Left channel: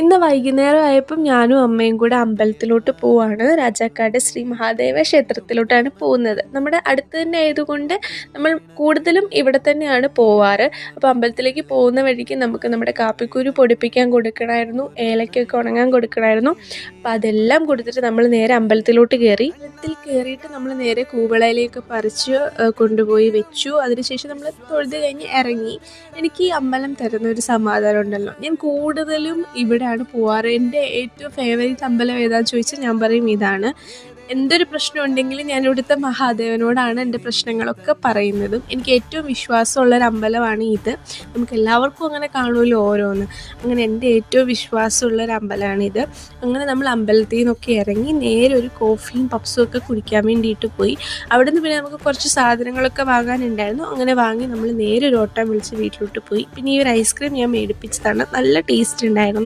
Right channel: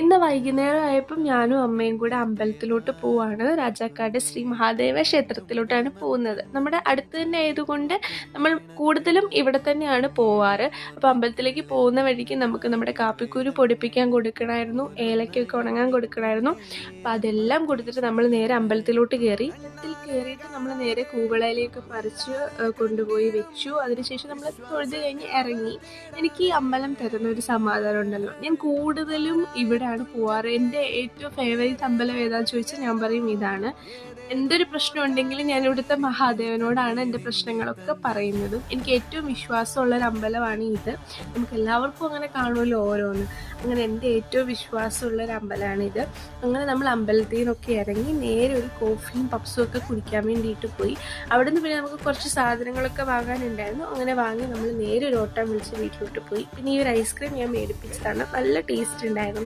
ഇന്ന് വൈകുന്നേരം ആയപ്പം ഞാനും അമ്മയും കൂടെ അമ്പലത്തിലോട്ട് പോവാണ്. രാജാക്കാട് ശ്രീ മഹാദേവ ക്ഷേത്രത്തിലോട്ടാണ് പോകുന്നത്. നമ്മുടെ അടുത്ത് തന്നെ ആയതുകൊണ്ട് നമ്മൾ കൂടുതലും ഇവിടെ തന്നെയാണ് പോവാറ്. അപ്പോൾ അമ്പലത്തിലേക്ക് പോകുന്ന വഴിക്ക് നമുക്ക് നമ്മുടെ കാപ്പിക്കുരു പൊടിപ്പിക്കാൻ കൊടുക്കണമായിരുന്നു, ഏലക്കൊക്കെ ഉണങ്ങാൻ കൊടുക്കണമായിരുന്നു. അപ്പോൾ അതെല്ലാം കൊടുത്തിട്ട് നമ്മൾ നേരെ അമ്പലത്തിലോട്ട് കയറി. അമ്പലത്തിൽ കയറിയിട്ട് നമ്മൾ നേരെ കൂവളയിലേക്ക് പറിച്ച് കൊണ്ടുപോയി വെച്ചു. അതിനുശേഷം നമ്മൾ തൊഴുത് കഴിഞ്ഞ് ഇറങ്ങി. എനിക്ക് ഈ അമ്പലം തരുന്ന ഒരു സമാധാനം ഉണ്ടല്ലോ. ഞാൻ കൂടുതലും ഇവിടെയാണ് പോവാറ്. എൻ്റെ ഏറ്റവും ഫേവറേറ്റ് അമ്പലം ഏതാണെന്ന് ചോദിച്ചാൽ ഞാൻ പറയും ഇതാണ്. എന്തൊരു പ്രശ്നം ഉണ്ടെങ്കിലും ഞാൻ ഇവിടുത്തെ മഹാദേവനോടാണ് എൻ്റെ പ്രശ്നങ്ങളൊക്കെ പറയുന്നത്. എനിക്ക് ഏറ്റവും വിശ്വാസമുള്ളൊരു അമ്പലമാണ് ഇത്. നമുക്ക് എല്ലാവർക്കും അങ്ങനെ കാണുമല്ലോ ഓരോന്ന്. അങ്ങനെ എൻ്റെ ഏറ്റവും വിശ്വാസമുള്ളൊരു അമ്പലമാണിത്. അങ്ങനെ നമ്മൾ അമ്പലത്തിൽ നിന്നൊക്കെ ഇറങ്ങി നേരെ ഒരു കോഫിയും പപ്സും ഒക്കെ കുടിക്കാൻ വേണ്ടിയിട്ട് പോയി. അവിടെ നിന്ന് പിന്നെ നമുക്ക് കുറച്ച് സാധനങ്ങളൊക്കെ വാങ്ങാനുണ്ടായിരുന്നു. അങ്ങനെ വാങ്ങി നമ്മൾ നേരെ ഒരു ഓട്ടം വിളിച്ച് വീട്ടിലോട്ട് പോയി. പിന്നെ ഈ ഒരു ഐസ്ക്രീം ഞാൻ മേടിപ്പിച്ചതാണ്. നല്ല ടേസ്റ്റ് ഉണ്ടായിരുന്നു.